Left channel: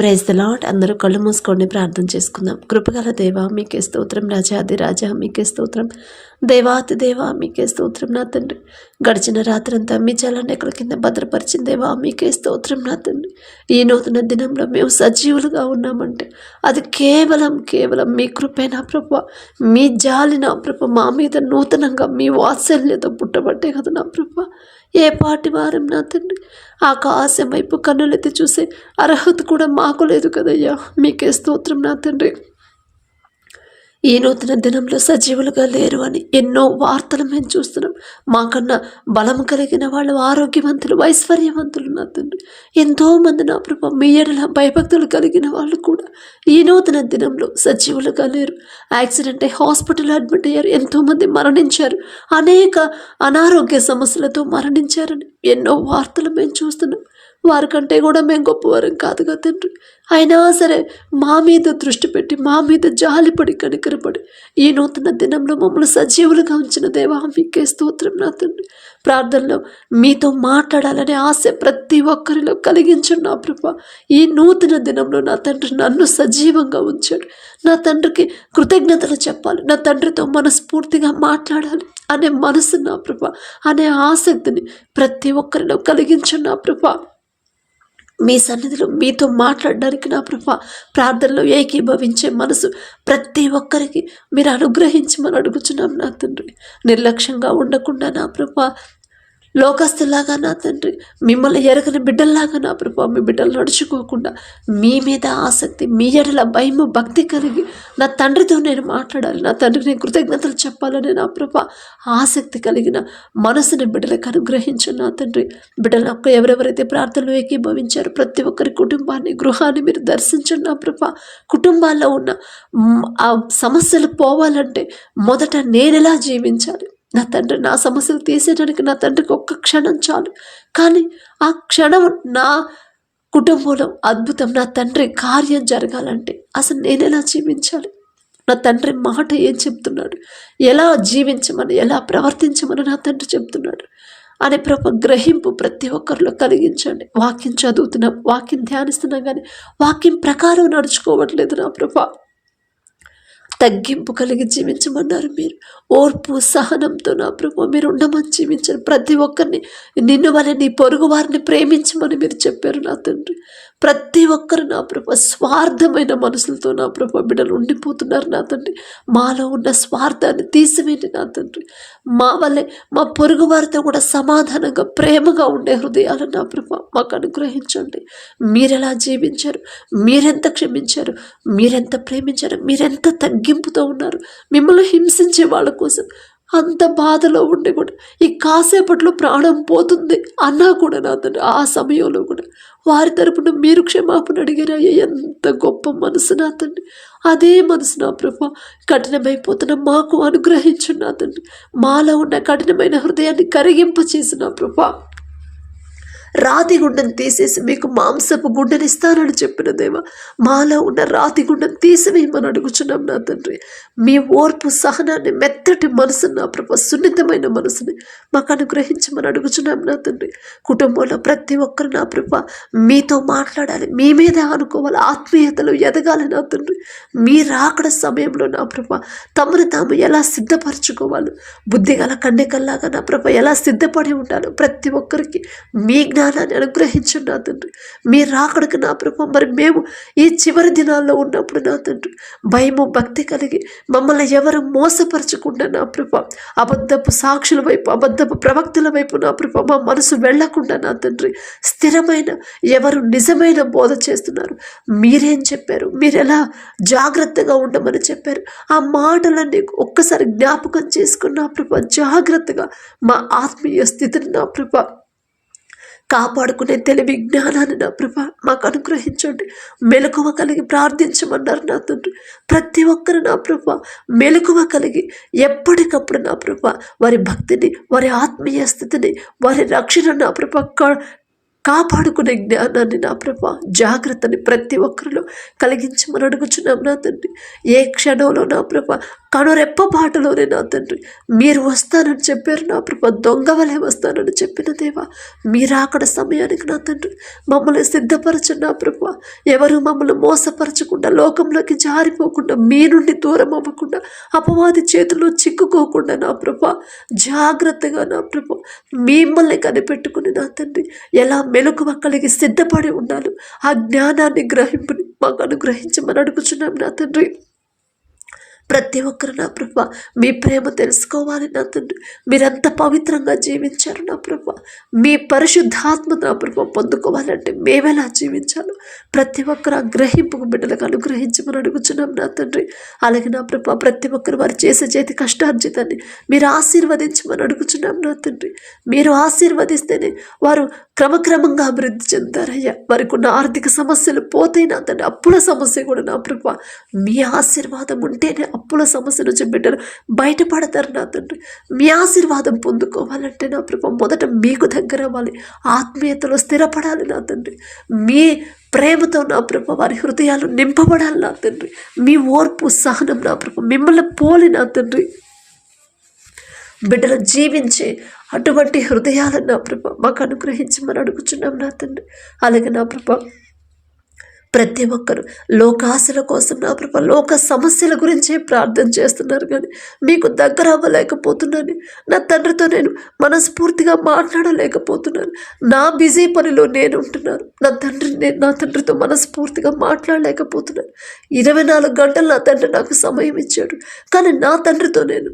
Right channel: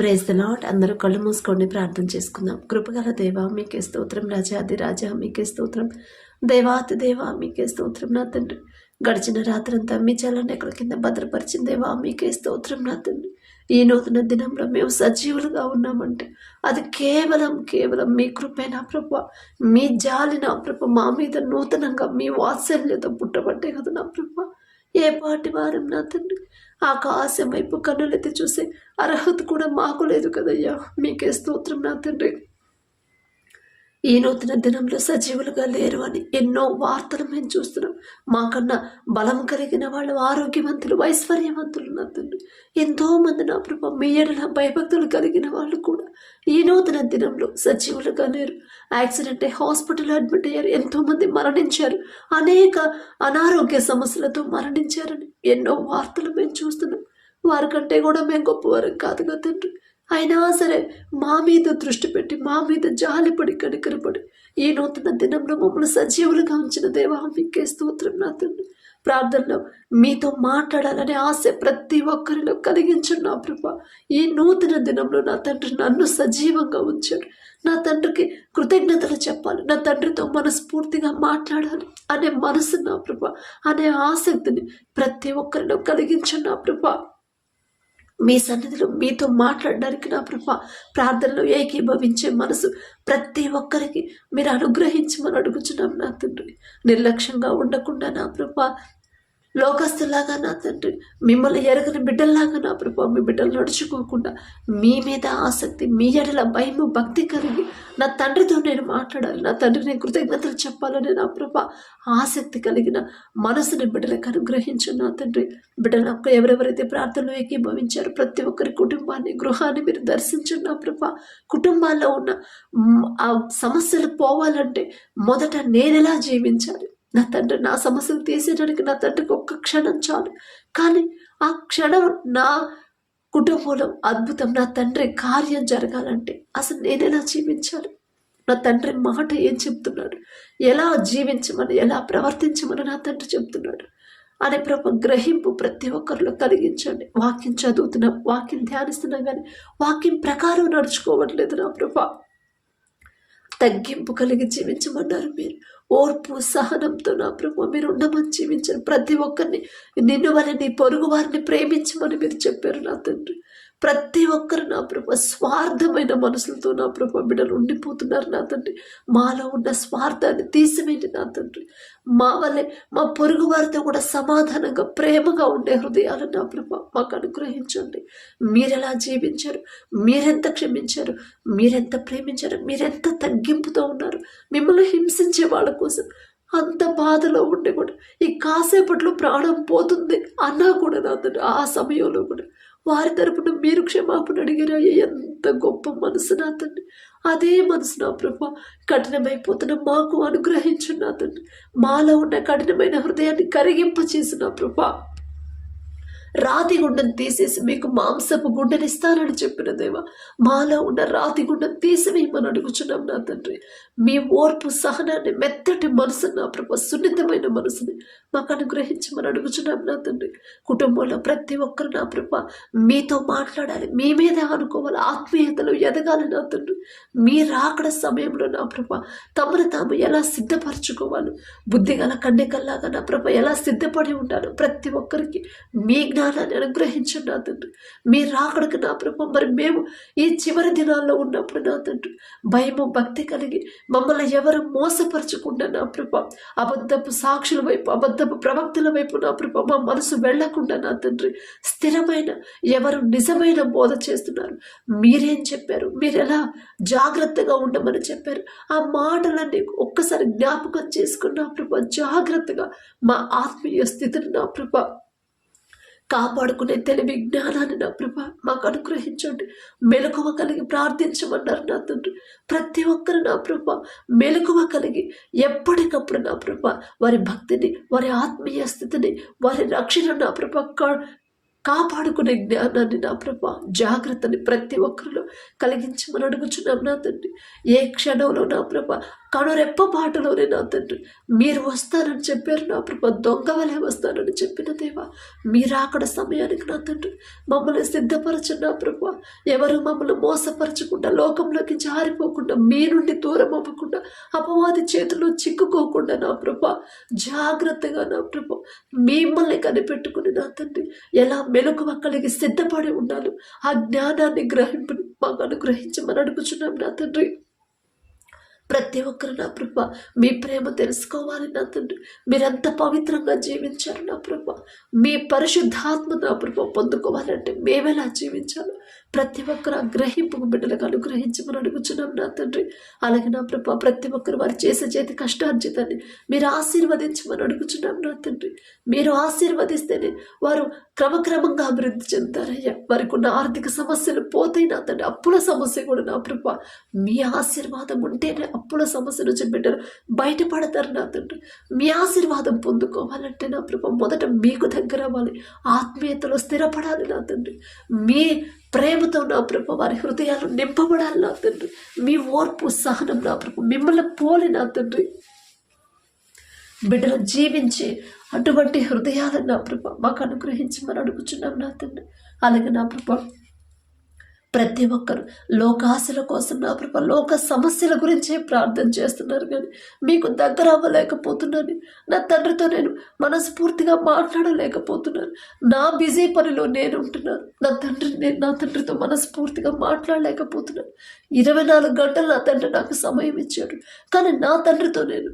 Praise the lord. అందరూ కళ్ళు మూసుకొని ప్రార్థన చేసుకుందాం. కృపగల దేవా మీకే స్తోత్రం, రాజాది రాజా మీకే స్తోత్రం, దేవాతి దేవా మీకే స్తోత్రం నా తండ్రి. గడిచిన రాత్రంతా మీ చల్లనెక్కల కింద భద్రపరిచిన దేవా మీకే స్తోత్రం నా తండ్రి. ఈ నూతన దినంలో మేము సజీవులుగా ఉన్నామంటే అది కేవలం మీ కృపే నా ప్రభు, మీ జాలి నా ప్రభు, మా మీద నూతనంగా మీ వాత్సల్యత పుట్టబట్టే కదా నా ప్రభు. ఏ పాటి వారం నా తండ్రి, ఆకాశం వైపు కన్నులెత్తి చూసే అర్హత కూడా మాకు లేదు కదయ్యా. మీకే స్తోత్రం నా తండ్రి. ఈ నూతన దినంలో సజీవులుగా లేరు అని ఎన్నో వార్తలు మేము చూస్తున్నాం. మాకన్నా బలం కలిగిన వాళ్ళు, ఆరోగ్యవంతులు, ఐశ్వర్యవంతులు నా తండ్రి, ఎంతోమంది నా ప్రభు మీ ఎడల భయభక్తులు కలిగిన వాళ్ళు కూడా ఈ నూతన దినంలో సజీవులుగా లేరు. యాక్సిడెంట్ అయి హాస్పిటల్ అడ్మిట్ అయ్యారు, ఎంతోమంది మరణించారు, అనేక అనారోగ్య సమస్యలతో మరణించారని ఎన్నో వార్తలు మేము చూస్తున్నాం. వారికంటే కూడా మేము గొప్పవారం కాదుగా తండ్రి. అయినా సరే మా మీద దృష్టి పెట్టి, మా మీద జాలిపడి, కనికరపడి ఈ నూతన దినంలో మమ్మల్ని సజీవులుగా ఉంచిన దేవా మీకే స్తోత్రం నా తండ్రి. ప్రార్థనలో మీతో మాట్లాడాలనే ఆశ ప్రతి ఒక్కరిలో కలిగించండి నా ప్రభా. ఈ నూతన దినంలో నా తండ్రి నన్ను సజీవంగా ఉంచాడు. నా తండ్రికి కృతజ్ఞతలు చెప్పాలి, నా తండ్రితో మనస్ఫూర్తిగా మాట్లాడాలి అనే మనసు నా ప్రభా, అనే ఆసక్తిని ప్రతి ఒక్కరిలో కలిగించండి నా ప్రభా. మీ సన్నిధిలో మీతో మాట్లాడడానికి నా ప్రభా, ప్రార్థనలో ఏకీభవించే మనసు ప్రతి ఒక్కరికి మీరు అనుగ్రహించమని అడుగుచున్నాం నా తండ్రి. నిర్లక్ష్యంగా ఉండకుండా నా ప్రభా, లోకస్తులాగా నా తండ్రి, మిమ్మల్ని ఎరగని బిడ్డల్లాగా నా ప్రభా, మీ బిడ్డలు నడుచుకోకుండా మీ మీద ఆసక్తి, మీ ఎడల భయము, భక్తి కలిగి నా తండ్రితో నేను మాట్లాడాలి, నా తండ్రికి నేను కృతజ్ఞతలు చెప్పాలని నా ప్రభా ఆసక్తి కలిగిన మనసుని బిడ్డలకు అనుగ్రహించు నా తండ్రి. బిడ్డలకు ఎవరెవరైతే ప్రార్థనలు ఏకీభవించారో ప్రతి ఒక్కరి కుటుంబాన్ని, గృహాన్ని మీరు దర్శించండి నా ప్రభా. కుటుంబాల్లో ఉన్న ఆ సమస్యలు పోవాలంటే మొదట నేనెలా జీవించాలి నా తండ్రి, నా సమస్యలు తీసేయడానికి నా తండ్రికి ఒక్క క్షణం చాలు, కానీ ఆ క్షణం నా కుటుంబంలో అద్భుతం, నా తండ్రి కార్యం జరగాలంటే అసలు నేను ఎలా జీవించాలి, నా తండ్రి మాట ఏం చెప్తున్నాడు, ఎలా జీవించమని, ఎలా ప్రవర్తించమని నా తండ్రి చెప్తున్నాడు అనే ప్రభు గ్రహింపు ప్రతి ఒక్కరిలో కలిగించండి. వాక్యం చదువుతున్నాం, వాక్యం ధ్యానిస్తున్నాం, కానీ వాక్యం ప్రకారం నడుచుకోవట్లేదు నా ప్రభా. తగ్గింపు కలిగి జీవించమన్నారు మీరు. ఓర్పు సహనంతో నా ప్రభు మీరు ఉండమని జీవించారు. ప్రతి ఒక్కరిని నిన్ను వలె నీ పొరుగు వారిని ప్రేమించమని మీరు చెప్పారు నా తండ్రి. ప్రతి ఒక్కరు నా ప్రభు స్వార్థమైన మనసులతో నా ప్రభు బిడ్డలు ఉండిపోతున్నారు నా తండ్రి. మాలో ఉన్న స్వార్థాన్ని తీసివేయండి నా తండ్రి. మా వల్లే మా పొరుగు వారితో కూడా సమాధానంగా, ప్రేమగా ఉండే హృదయాలు నా ప్రభు మాకు అనుగ్రహించండి. మీరెలా జీవించారు, మీరెంత క్షమించారు, మీరెంత ప్రేమించారు, మీరెంత తగ్గింపుతో ఉన్నారు. మిమ్మల్ని హింసించే వాళ్ళ కోసం అంత బాధలో ఉండి కూడా ఈ కాసేపట్లో ప్రాణం పోతుంది అన్నా కూడా నా తండ్రి, ఆ సమయంలో కూడా వారి తరపున మీరు క్షమాపణ అడిగారయ్యా. ఎంత గొప్ప మనసు నా తండ్రి. అదే మనసు నా ప్రభా కఠినమైపోతున్న మాకు అనుగ్రహించండి నా తండ్రి. మాలో ఉన్న కఠినమైన హృదయాన్ని కరిగింపచేసి నా ప్రభా రాతి గుండెను తీసేసి మీకు మాంసపు గుండెని ఇస్తానని చెప్పిన దేవా, మాలో ఉన్న రాతి గుండెను తీసివేయమని అడుగుచున్నాం నా తండ్రి. మీ ఓర్పు సహనాన్ని, మెత్తటి మనసుని నా ప్రభు, సున్నితమైన మనసుని మాకు అనుగ్రహించమని అడుగుచున్నాం నా తండ్రి. కుటుంబంలో ప్రతి ఒక్కరు నా ప్రభు మీతో మాట్లాడాలి, మీ మీద అనుకోవాలి, ఆత్మీయతలో ఎదగాలి నా తండ్రి. మీ రాకడ సమయంలో నా ప్రభు తమను తాము ఎలా సిద్ధపరచుకోవాలి, బుద్ధిగల కన్యకల్లాగా నా ప్రభు ఎలా సిద్ధపడి ఉండాలో ప్రతి ఒక్కరికి మీ జ్ఞానాన్ని అనుగ్రహించండి నా తండ్రి. మీరు రాకడకు నా ప్రభు మరి మేము ఈ చివరి దినాల్లో ఉన్నప్పుడు నా తండ్రి భయము, భక్తి కలిగి మమ్మల్ని ఎవరు మోసపరచకుండా నా ప్రభు అబద్ధపు సాక్షుల వైపు, అబద్ధపు ప్రవక్తల వైపు నా ప్రభు మా మనసు వెళ్లకుండా నా తండ్రి స్థిరమైన, ఎవరు నిజమైన బోధ చేస్తున్నారు, మీరేం చెప్పారు, మీరు ఎలా జాగ్రత్తగా ఉండమని చెప్పారు, ఆ మాటలన్నీ ఒక్కసారి జ్ఞాపకం చేసుకుని నా ప్రభు జాగ్రత్తగా మా ఆత్మీయ స్థితిని నా ప్రభు కాపాడుకునే తెలివి, జ్ఞానాన్ని నా ప్రభా మాకు అనుగ్రహించండి. మెలకువ కలిగి ప్రార్థించమన్నారు నా తండ్రి. ప్రతి ఒక్కరు నా ప్రభా మెలకువ కలిగి ఎప్పటికప్పుడు నా ప్రభా వారి భక్తిని, వారి ఆత్మీయ స్థితిని, వారి రక్షణ నా ప్రభా కాపాడుకునే జ్ఞానాన్ని నా ప్రభా, జాగ్రత్తని ప్రతి ఒక్కరిలో కలిగించమని అడుగుచున్నాం నా తండ్రి. ఏ క్షణంలో నా ప్రభా కనురెప్పపాటులోనే నా తండ్రి మీరు వస్తానని చెప్పారు నా ప్రభా. దొంగ వలె వస్తానని చెప్పిన దేవా, మీరు అక్కడ సమయానికి నా తండ్రి మమ్మల్ని సిద్ధపరచండి నా ప్రభా. ఎవరు మమ్మల్ని మోసపరచకుండా, లోకంలోకి జారిపోకుండా, మీ నుండి దూరం అవ్వకుండా, అపవాది చేతుల్లో చిక్కుకోకుండా నా ప్రభా జాగ్రత్తగా నా ప్రభా మిమ్మల్ని కనిపెట్టుకుని నా తండ్రి ఎలా మెలకువ కలిగి సిద్ధపడి ఉండాలి, ఆ జ్ఞానాన్ని గ్రహింపుని మాకు అనుగ్రహించమని అడుగుచున్నాం నా తండ్రి. ప్రతి ఒక్కరు నా ప్రభా మీ ప్రేమ తెలుసుకోవాలి నా తండ్రి. మీరెంత పవిత్రంగా జీవించారు నా ప్రభా. మీ పరిశుద్ధాత్మ నా ప్రభా పొందుకోవాలంటే మేమెలా జీవించాలో ప్రతి ఒక్కరు ఆ గ్రహింపుకు బిడ్డలకు అనుగ్రహించమని అడుగుచున్నాం నా తండ్రి. అలాగే నా ప్రభా ప్రతి ఒక్కరు వారు చేసే చేతి కష్టార్జితాన్ని మీరు ఆశీర్వదించమని అడుగుచున్నాం నా తండ్రి. మీరు ఆశీర్వదిస్తేనే వారు క్రమక్రమంగా అభివృద్ధి చెందుతారయ్యా. వారికి ఉన్న ఆర్థిక సమస్యలు పోతాయి నా తండ్రి. అప్పుల సమస్య కూడా నా ప్రభా మీ ఆశీర్వాదం ఉంటేనే అప్పుల సమస్య నుంచి బిడ్డలు బయటపడతారు నా తండ్రి. మీ ఆశీర్వాదం పొందుకోవాలంటే నా ప్రభా మొదట మీకు దగ్గర అవ్వాలి, ఆత్మీయతలో స్థిరపడాలి నా తండ్రి. మీ ప్రేమతో నా ప్రభా వారి హృదయాలు నింపబడాలి నా తండ్రి. మీ ఓర్పు సహనం నా ప్రభా మిమ్మల్ని పోలి నా తండ్రి బిడ్డలు జీవించే అటువంటి హృదయాలను నా ప్రభా మాకు అనుగ్రహించమని అడుగుచున్నాం నా తండ్రి. అలాగే నా ప్రభా ప్రతి ఒక్కరు లోకాశల కోసం నా ప్రభా లోక సమస్యల గురించే ప్రార్థన చేస్తున్నారు, కానీ మీకు దగ్గర అవ్వలేకపోతున్నాను. నా తండ్రితో నేను మనస్ఫూర్తిగా మాట్లాడలేకపోతున్నాను. నా బిజీ పనిలో నేను ఉంటున్నాను. నా తండ్రితో మనస్ఫూర్తిగా మాట్లాడలేకపోతున్నాను. 24 గంటలు నా తండ్రి నాకు సమయం ఇచ్చాడు, కానీ నా తండ్రితో నేను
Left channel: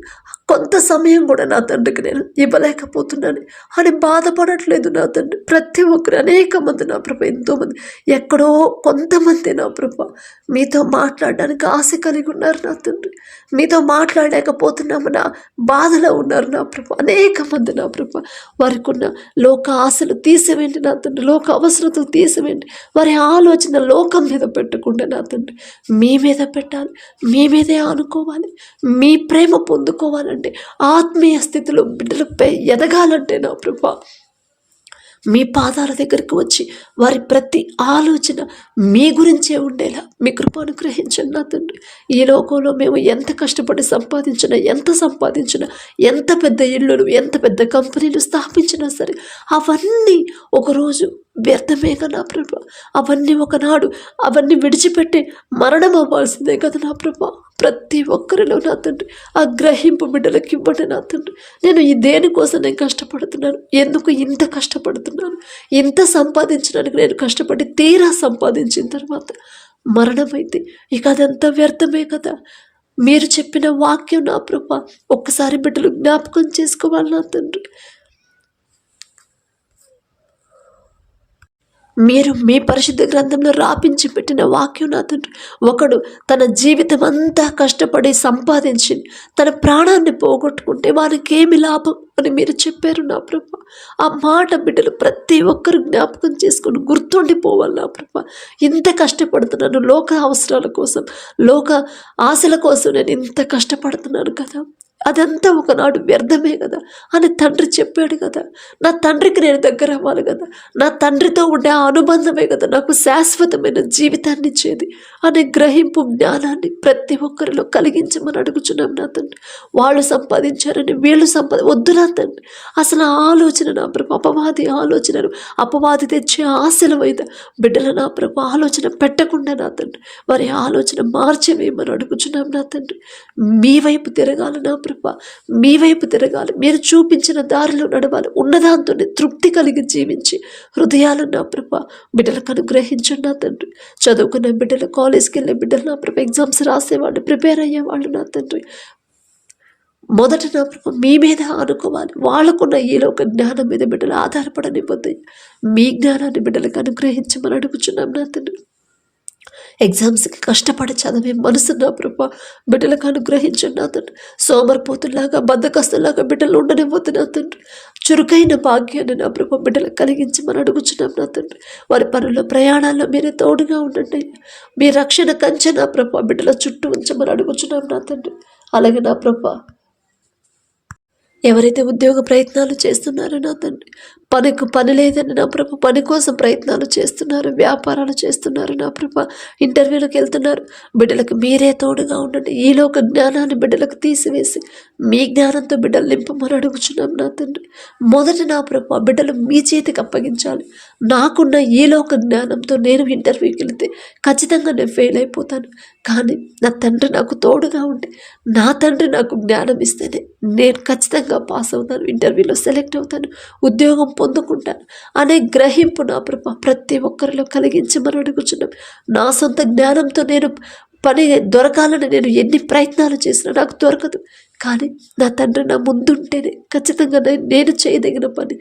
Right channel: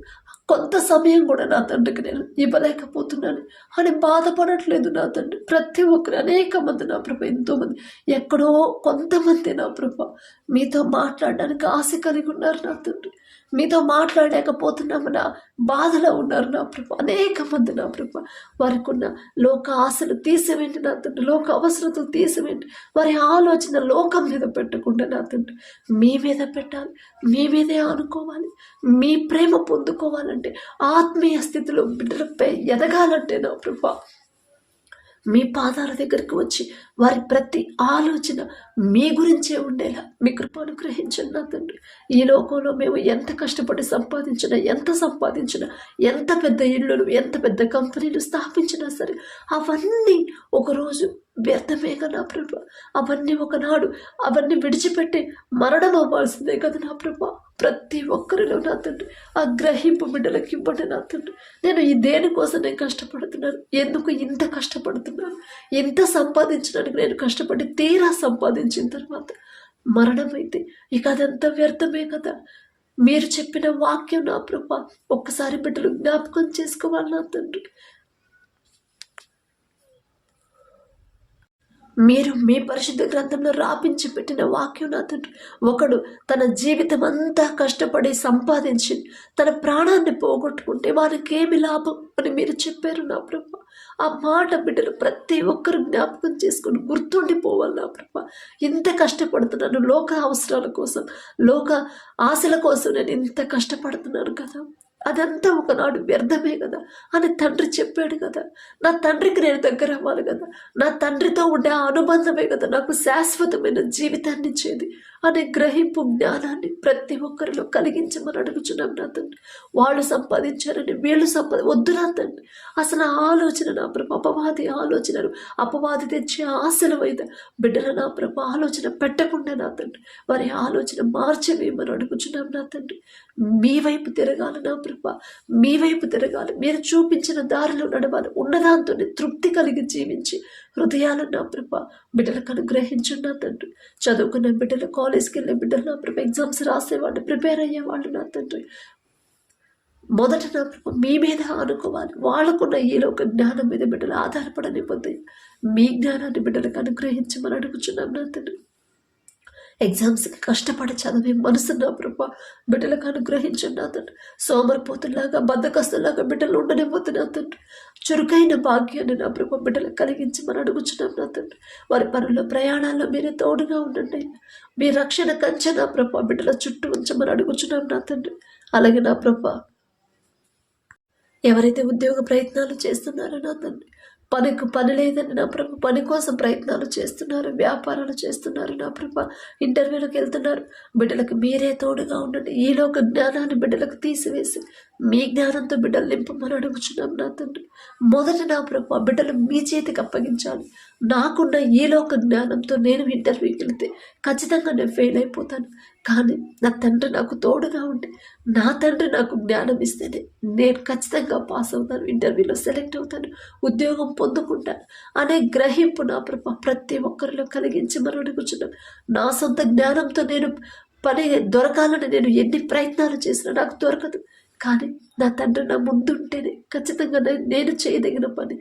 కొంత సమయం కూడా నా తండ్రికి నేను ఇవ్వలేకపోతున్నాను అని బాధపడట్లేదు నా తండ్రి. ప్రతి ఒక్కరు అనేక మంది నా ప్రభా ఎంతోమంది ఎక్కడో కొంతమంది నా ప్రభా మీతో మాట్లాడడానికి ఆశ కలిగి ఉన్నారు నా తండ్రి. మీతో మాట్లాడలేకపోతున్నాము నా బాధలో ఉన్నారు నా ప్రభా అనేక మంది నా ప్రభా. వారికి ఉన్న లోక ఆశలు తీసివేయండి నా తండ్రి. లోక అవసరతలు తీసివేయండి. వారి ఆలోచన లోకం మీద పెట్టకుండా నా తండ్రి మీ మీద పెట్టాలి, మీ మీదే అనుకోవాలి. మీ ప్రేమ పొందుకోవాలంటే, ఆత్మీయ స్థితిలో బిడ్డలపై ఎదగాలంటే నా ప్రభా మీ పాదాల దగ్గరికి వచ్చి వారి ప్రతి ఆలోచన మీ గురించే ఉండేలా మీ కృప అనుగ్రహించండి నా తండ్రి. ఈ లోకంలో మేము ఎంత కష్టపడి సంపాదించినా, ఎంత పెద్ద ఇళ్ళు, ఎంత పెద్ద కంపెనీలు స్థాపించినా సరే అవన్నీ ఒకరోజు వ్యర్థమే కదా నా ప్రభా. అవన్నీ ఒకనాడు అవన్నీ విడిచిపెట్టి మరణం అవ్వాల్సిందే కదా నా ప్రభా. ప్రతి ఒక్కరిలో నా తండ్రి ఆ గ్రహింపు బిడ్డలకి ఇవ్వండి నా తండ్రి. నేను ఈ దేనికోసం నేను కష్టపడుతున్నాను, ఎందుకు ఇంత కష్టపడుతున్నాను, ఇంత సంపాదించడానికి నేను కష్టపడి తీరా సంపాదించిన తర్వాత మరణం అయితే ఇక అదంతా వ్యర్థమే కదా. మీరు చెప్పిన వాక్యం నా ప్రభా ఒక్కసారి బిడ్డలు జ్ఞాపకం చేసుకోవాలి నా తండ్రి. మీరు మీ పరిశుద్ధ గ్రంథంలో రాపించి పెట్టిన వాక్యం నా తండ్రి. ఒకడు తన జీవితం అంతా కష్టపడి సంపాదించి తన ప్రాణాన్ని పోగొట్టుకుంటే వారికి ఏమి లాభం అని మీరు చెప్పారు నా ప్రభా. ఆ మాట బిడ్డలు ప్రతి ఒక్కరు జ్ఞాపకం చేసుకుని గుర్తుండిపోవాలి నా ప్రభా. ఇంత కష్టపడుతున్నాను లోక అవసరాల కోసం, లోక ఆశల కోసం నేను ఇంత కష్టపడుతున్నాను కదా, అదంతా ఒకనాడు వ్యర్థమే కదా అని తండ్రి చెప్పాడు కదా. నా తండ్రికి నేను దగ్గర అవ్వాలి కదా, నా తండ్రితో ఉండే ఆ అనుబంధమే కదా నాకు శాశ్వతమైన జీవితాన్ని ఇచ్చేది అనే గ్రహింపు జ్ఞానాన్ని ప్రతి ఒక్కరిలో కలిగించమని అడుగుచున్నాం నా తండ్రి. వాళ్ళు సంపాదించారని వీళ్ళు వద్దు నా తండ్రి. అసలు ఆ ఆలోచన నా ప్రభు అపవాది ఆలోచనలు, అపవాది తెచ్చే ఆశల మీద బిడ్డల నా ప్రభు ఆలోచన పెట్టకుండా నా తండ్రి వారి ఆలోచన మార్చేవేమని అడుగుచున్నాం నా తండ్రి. మీ వైపు తిరగాలి నా ప్రభు, మీ వైపు తిరగాలి. మీరు చూపించిన దారిలో నడవాలి. ఉన్నదాంతో తృప్తి కలిగి జీవించి హృదయాలను నా ప్రభా బిడ్డలకు అనుగ్రహించండి నా తండ్రి. చదువుకున్న బిడ్డలు, కాలేజ్కి వెళ్ళే బిడ్డలు నా ప్రభా, ఎగ్జామ్స్ రాసేవాళ్ళు, ప్రిపేర్ అయ్యేవాళ్ళు నా తండ్రి మొదట నా ప్రభా మీ మీద అనుకోవాలి. వాళ్ళకున్న ఈలో ఒక జ్ఞానం మీద బిడ్డలు ఆధారపడనిపోద్ది. మీ జ్ఞానాన్ని బిడ్డలకు అనుగ్రహించమని అడుగుచున్నాం నా తండ్రి. ఎగ్జామ్స్కి కష్టపడి చదివే మనసు నా ప్రభా బిడ్డలకు అనుగ్రహించండి నా తండ్రి. సోమరిపోతులాగా, బద్ధకస్తులాగా బిడ్డలు ఉండనివ్వద్దు నా తండ్రి. చురుకైన భాగ్యాన్ని నా ప్రభా బిడ్డలకు కలిగించమని అడుగుచున్నాం నా తండ్రి. వారి పనుల్లో, ప్రయాణాల్లో మీరే తోడుగా ఉండండి. మీ రక్షణ కంచె నా ప్రభా బిడ్డల చుట్టూ ఉంచమని అడుగుచున్నాం నా తండ్రి. అలాగే నా ప్రభా ఎవరైతే ఉద్యోగ ప్రయత్నాలు చేస్తున్నారో నా తండ్రి పని లేదని నా ప్రభ పని కోసం ప్రయత్నాలు చేస్తున్నారు, వ్యాపారాలు చేస్తున్నారు నా ప్రభ, ఇంటర్వ్యూలకు వెళ్తున్నారు. బిడ్డలకు మీరే తోడుగా ఉండండి. ఈలోక జ్ఞానాన్ని బిడ్డలకు తీసివేసి మీ జ్ఞానంతో బిడ్డలు నింపమని అడుగుచున్నాం నా తండ్రి. మొదట నా ప్రభ బిడ్డలు మీ చేతికి అప్పగించాలి. నాకున్న ఈలోక జ్ఞానంతో నేను ఇంటర్వ్యూకి వెళితే ఖచ్చితంగా నేను ఫెయిల్ అయిపోతాను. కానీ నా తండ్రి నాకు తోడుగా ఉండి నా తండ్రి నాకు జ్ఞానం ఇస్తేనే నేను ఖచ్చితంగా పాస్ అవుతాను, ఇంటర్వ్యూలో సెలెక్ట్ అవుతాను, ఉద్యోగం పొందుకుంటాను అనే గ్రహింపు నా ప్రభ ప్రతి ఒక్కరిలో కలిగించమని అడుగుచున్నాం. నా సొంత జ్ఞానంతో నేను పని దొరకాలని నేను ఎన్ని ప్రయత్నాలు చేసినా నాకు దొరకదు. కానీ నా తండ్రి నా ముందుంటేనే ఖచ్చితంగా నేను చేయదగిన పని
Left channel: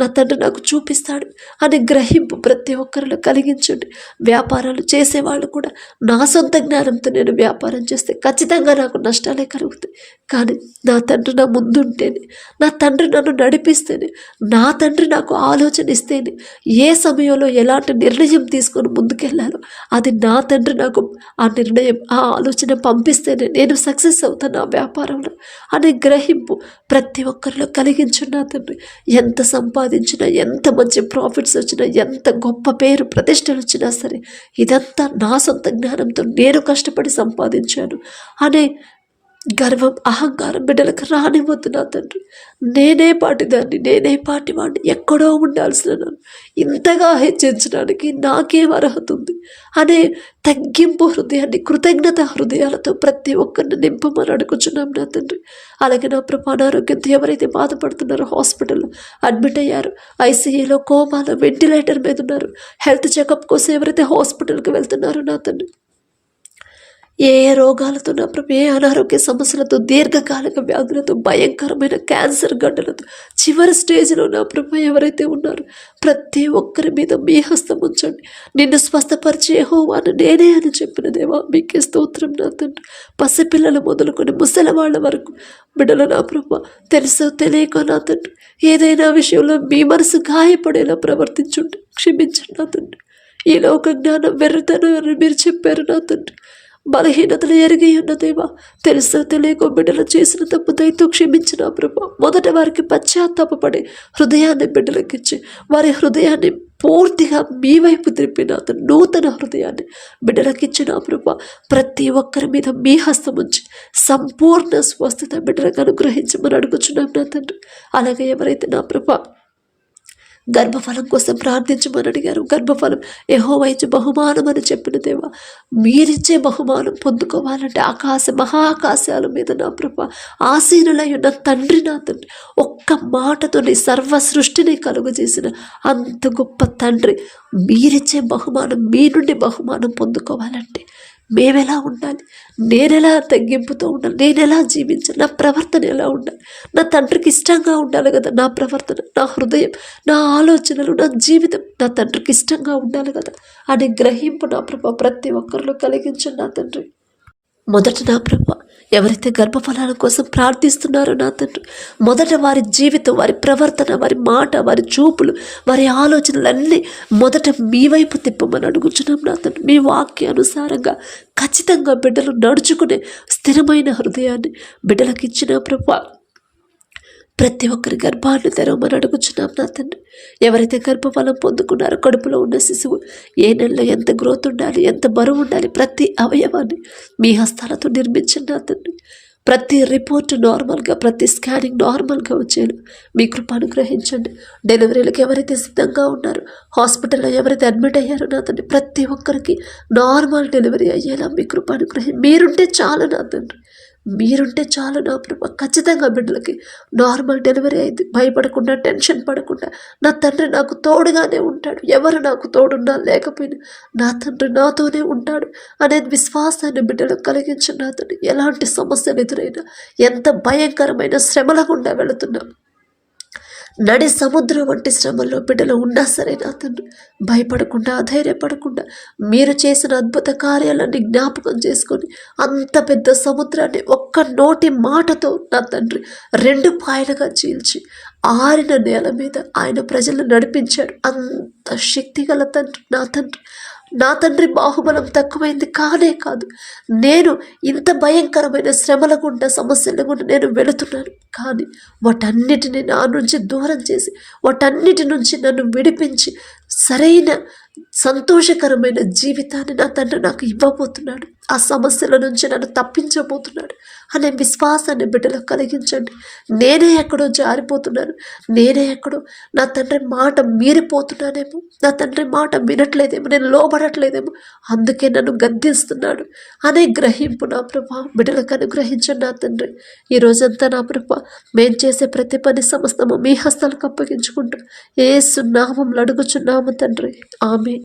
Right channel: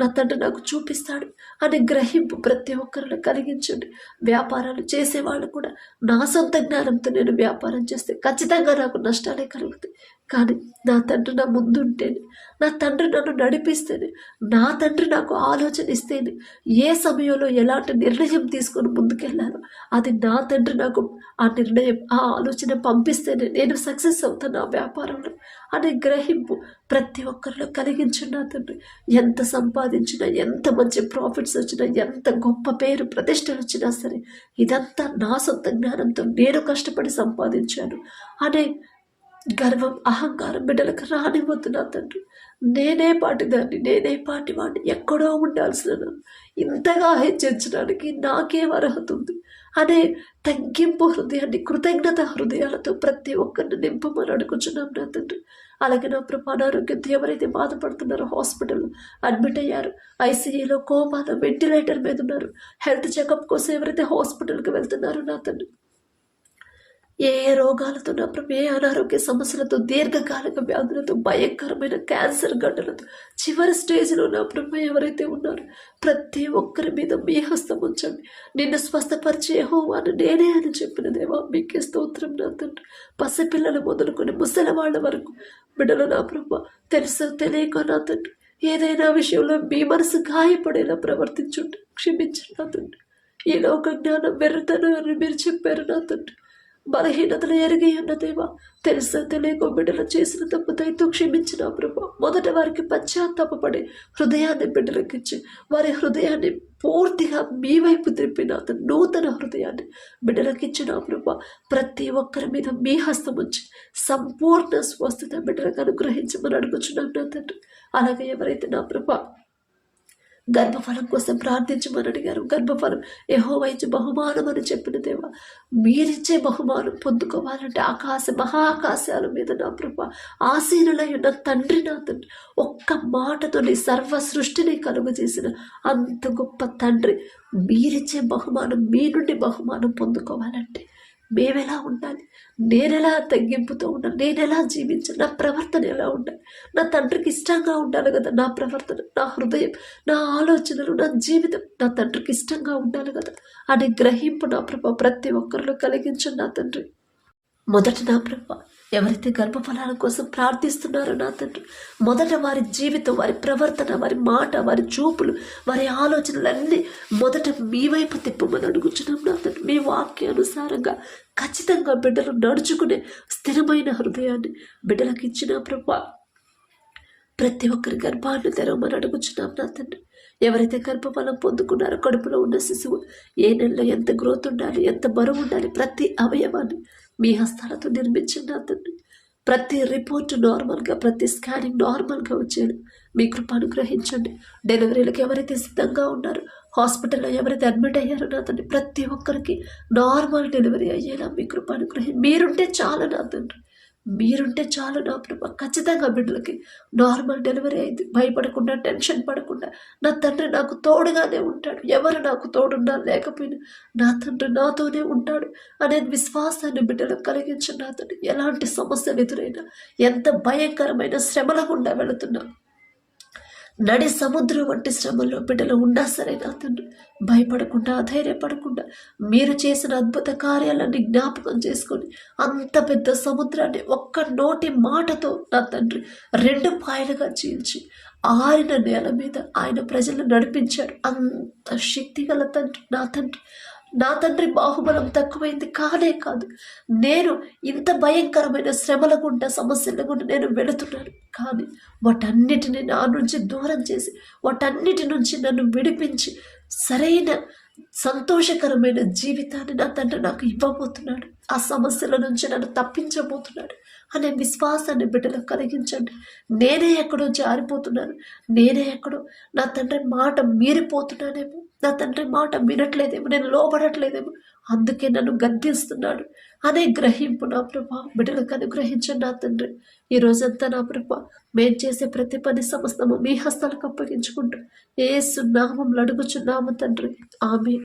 నా తండ్రి నాకు చూపిస్తాడు అనే గ్రహింపు ప్రతి ఒక్కరిలో కలిగించండి. వ్యాపారాలు చేసేవాళ్ళు కూడా నా సొంత జ్ఞానంతో నేను వ్యాపారం చేస్తే ఖచ్చితంగా నాకు నష్టాలే కలుగుతాయి. కానీ నా తండ్రి నా ముందుంటేనే, నా తండ్రి నన్ను నడిపిస్తేనే, నా తండ్రి నాకు ఆలోచన ఇస్తేనే, ఏ సమయంలో ఎలాంటి నిర్ణయం తీసుకొని ముందుకెళ్ళాలో అది నా తండ్రి నాకు ఆ నిర్ణయం, ఆ ఆలోచన పంపిస్తేనే నేను సక్సెస్ అవుతాను ఆ వ్యాపారంలో అనే గ్రహింపు ప్రతి ఒక్కరిలో కలిగించండి నా తండ్రి. ఎంత సంపాదించినా, ఎంత మంచి ప్రాఫిట్స్ వచ్చినా, ఎంత గొప్ప పేరు ప్రతిష్టలు వచ్చినా సరే ఇదంతా నా సొంత జ్ఞానంతో నేను కష్టపడి సంపాదించాను అనే గర్వం, అహంకారం బిడ్డలకు రానివ్వద్దు నా తండ్రి. నేనే పాటిదాన్ని, నేనే పాటివాడిని, ఎక్కడో ఉండాల్సిన నన్ను ఇంతగా హెచ్చరించడానికి నాకేం అర్హత ఉంది అనే తగ్గింపు హృదయాన్ని, కృతజ్ఞత హృదయాలతో ప్రతి ఒక్కరిని నింపమని అడుగుచున్నాం నా తండ్రి. అలాగే నా ప్రభు అనారోగ్యంతో ఎవరైతే బాధపడుతున్నారో, హాస్పిటల్లో అడ్మిట్ అయ్యారు, ఐసీయూలో, కోమాలో, వెంటిలేటర్ మీద ఉన్నారు, హెల్త్ చెకప్ కోసం ఎవరైతే హాస్పిటల్కి వెళ్తున్నారో నా తండ్రి, ఏ రోగాలతో నా ప్రభు, ఏ అనారోగ్య సమస్యలతో, దీర్ఘకాలిక వ్యాధులతో, భయంకరమైన క్యాన్సర్ గడ్డలతో చివరి స్టేజ్లో నా ప్రభు ఎవరైతే ఉన్నారో ప్రతి ఒక్కరి మీద మీ హస్తం ఉంచండి. నిన్ను స్వస్థపరిచే యెహోవాను నేనే అని చెప్పిన దేవా మీకే స్తోత్రం నా తండ్రి. పసిపిల్లలు మొదలుకొని ముసలివాళ్ళ వరకు బిడ్డలు నా ప్రభు తెలుసో తెలియక నా తండ్రి ఏదైనా విషయంలో మీ మనసు గాయపడేలా ప్రవర్తించుండి క్షమించండి నా తండ్రి. ఈ లోక జ్ఞానం వెర్రితనం అని మీరు చెప్పారు నా తండ్రి. బలహీనతలు ఎరిగి ఉన్న దేవా తెలుసో తెలియకో బిడ్డలు చేసిన తప్పు దయతో క్షమించిన ప్రభా. మొదట వారికి పశ్చాత్తాపపడి హృదయాన్ని బిడ్డలకిచ్చి వారి హృదయాన్ని పూర్తిగా మీ వైపు త్రిప్పిన నూతన హృదయాన్ని బిడ్డలకిచ్చిన ప్రభా. ప్రతి ఒక్కరి మీద మీ హస్తం ఉంచి సంపూర్ణ స్వస్థత బిడ్డలకు అనుగ్రహించమని అడుగుచున్నాం నా తండ్రి. అలాగే ఎవరైతే నా ప్రభా గర్భఫలం కోసం ప్రార్థించమని అడిగారు, గర్భఫలం యెహోవా ఇచ్చే బహుమానం అని చెప్పిన దేవా, మీరిచ్చే బహుమానం పొందుకోవాలంటే మహాకాశాల మీద నా ప్రభా ఆసీనులై ఉన్న తండ్రి నా తండ్రి, ఒక్క మాటతో నీ సర్వ సృష్టిని కలుగజేసిన అంత గొప్ప తండ్రి, మీరిచ్చే బహుమానం, మీ నుండి బహుమానం పొందుకోవాలంటే మేమెలా ఉండాలి, నేనెలా తగ్గింపుతో ఉండాలి, నేనెలా జీవించాలి, నా ప్రవర్తన ఎలా ఉండాలి, నా తండ్రికి ఇష్టంగా ఉండాలి కదా నా ప్రవర్తన, నా హృదయం, నా ఆలోచనలు, నా జీవితం నా తండ్రికి ఇష్టంగా ఉండాలి కదా అనే గ్రహింపు నా ప్రభ ప్రతి ఒక్కరిలో కలిగించండి నా తండ్రి. మొదట నా ప్రభ ఎవరైతే గర్భఫలాల కోసం ప్రార్థిస్తున్నారో నా తండ్రి, మొదట వారి జీవితం, వారి ప్రవర్తన, వారి మాట, వారి చూపులు, వారి ఆలోచనలన్నీ మొదట మీ వైపు తిప్పమని అడుగుచున్నాం నా తండ్రి. మీ వాక్యానుసారంగా ఖచ్చితంగా బిడ్డలు నడుచుకునే స్థిరమైన హృదయాన్ని బిడ్డలకు ఇచ్చిన ప్రభా. ప్రతి ఒక్కరి గర్భాన్ని తెరవమని అడుగుచున్నాం నా తండ్రి. ఎవరైతే గర్భఫలం పొందుకున్నారో కడుపులో ఉన్న శిశువు ఏ నెలలో ఎంత గ్రోత్ ఉండాలి, ఎంత బరువు ఉండాలి, ప్రతి అవయవాన్ని మీ హస్తాలతో నిర్మించండి నా తండ్రి. ప్రతి రిపోర్ట్ నార్మల్గా, ప్రతి స్కానింగ్ నార్మల్గా వచ్చేలా మీ కృప అనుగ్రహించండి. డెలివరీలకు ఎవరైతే సిద్ధంగా ఉన్నారో, హాస్పిటల్లో ఎవరైతే అడ్మిట్ అయ్యారో నా తండ్రి, ప్రతి ఒక్కరికి నార్మల్ డెలివరీ అయ్యేలా మీ కృప మీరుంటే చాలు నా తండ్రి, మీరుంటే చాలు నా ప్రభు. ఖచ్చితంగా బిడ్డలకి నార్మల్ డెలివరీ అయింది, భయపడకుండా, టెన్షన్ పడకుండా నా తండ్రి నాకు తోడుగానే ఉంటాడు, ఎవరు నాకు తోడున్నా లేకపోయినా నా తండ్రి నాతోనే ఉంటాడు అనే విశ్వాసాన్ని బిడ్డలకు కలిగించిన నా తండ్రి. ఎలాంటి సమస్యలు ఎదురైనా, ఎంత భయంకరమైన శ్రమల గుండా వెళుతున్నాం, నడి సముద్రం వంటి శ్రమల్లో బిడ్డలు ఉన్నా సరే నా తండ్రి భయపడకుండా, అధైర్యపడకుండా మీరు చేసిన అద్భుత కార్యాలన్నీ జ్ఞాపకం చేసుకొని అంత పెద్ద సముద్రాన్ని ఒక్క నోటి మాటతో నా తండ్రి 2 పాయలుగా చీల్చి ఆరిన నేల మీద ఆయన ప్రజలను నడిపించాడు. అంత శక్తి గల తండ్రి నా తండ్రి. నా తండ్రి బాహుబలం తక్కువైంది కానే కాదు. నేను ఇంత భయంకరమైన శ్రమల గుండా సమస్యల గుండా నేను వెళుతున్నాను. కానీ వాటన్నిటిని నా నుంచి దూరం చేసి వాటన్నిటి నుంచి నన్ను విడిపించి సరైన సంతోషకరమైన జీవితాన్ని నా తండ్రి నాకు ఇవ్వబోతున్నాడు. ఆ సమస్యల నుంచి నన్ను తప్పించబోతున్నాడు అనే విశ్వాసాన్ని బిడ్డలకు కలిగించండి. నేనే ఎక్కడో జారిపోతున్నాను, నేనే ఎక్కడో నా తండ్రి మాట మీరిపోతున్నానేమో, నా తండ్రి మాట వినట్లేదేమో, నేను లోబడట్లేదేమో, అందుకే నన్ను గద్దిస్తున్నాడు అనే గ్రహింపు నా ప్రభా బిడ్డలకు అనుగ్రహించండి. నా తండ్రి ఈ రోజంతా నా ప్రభా మేం చేసే ప్రతి పని సమస్తము మీ హస్తాలకు అప్పగించుకుంటూ యేసు నామములో అడుగుచున్నాము తండ్రి. ఆమేన్.